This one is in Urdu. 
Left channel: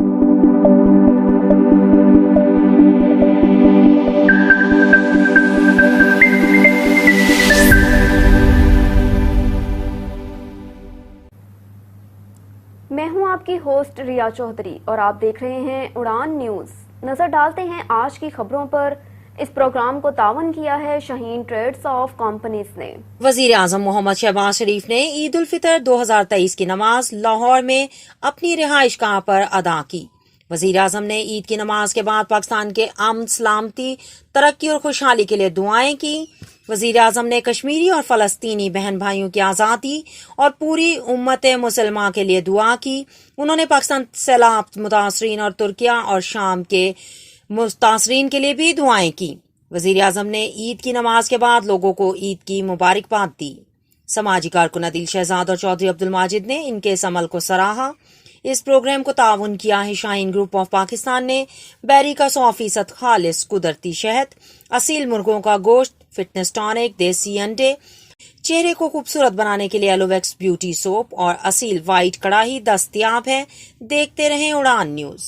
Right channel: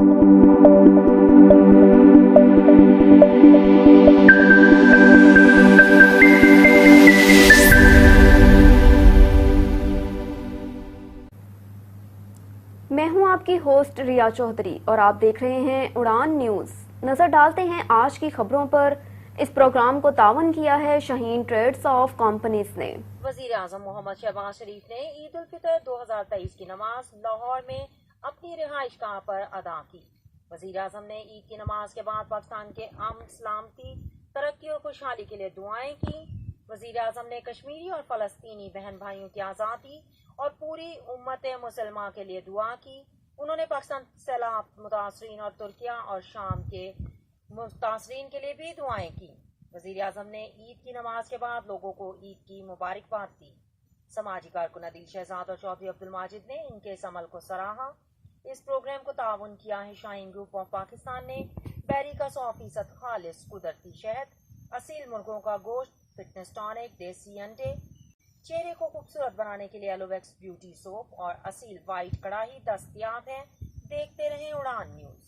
میں ہوں آپ کی ہوسٹ ریا چودھری اور آپ دیکھ رہے ہیں اڑان نیوز۔ نظر ڈالتے ہیں آج کی خبروں پر۔ اس پروگرام کو تعاون کیا ہے شاہین ٹریڈز آف کمپنیز نے۔ وزیر اعظم محمد شہباز شریف نے عید الفطر 2023 کی نماز لاہور میں اپنی رہائش گاہ پر ادا کی۔ وزیر اعظم نے عید کی نماز کے بعد پاکستان کے امن، سلامتی، ترقی اور خوشحالی کے لیے دعائیں کی۔ وزیر اعظم نے کشمیری اور فلسطینی بہن بھائیوں کی آزادی اور پوری امت مسلمہ کے لیے دعا کی۔ انہوں نے پاکستان سیلاب متاثرین اور ترکیہ اور شام کے متاثرین کے لیے بھی دعائیں کی۔ وزیر اعظم نے عید کی نماز کے بعد لوگوں کو عید کی مبارکباد دی۔ سماجی کارکن عدیل شہزاد اور چودھری عبدالماجد نے ان کے اس عمل کو سراہا۔ اس پروگرام کو تعاون کیا ہے شاہین گروپ آف پاکستان نے۔ بیری کا 100% خالص قدرتی شہد، اصیل مرغوں کا گوشت، فٹنس ٹانک، دیسی انڈے، چہرے کو خوبصورت بنانے کے لیے ایلوویکس بیوٹی سوپ اور اصیل وائٹ کڑاہی دستیاب ہے۔ دیکھتے رہیں اڑان نیوز۔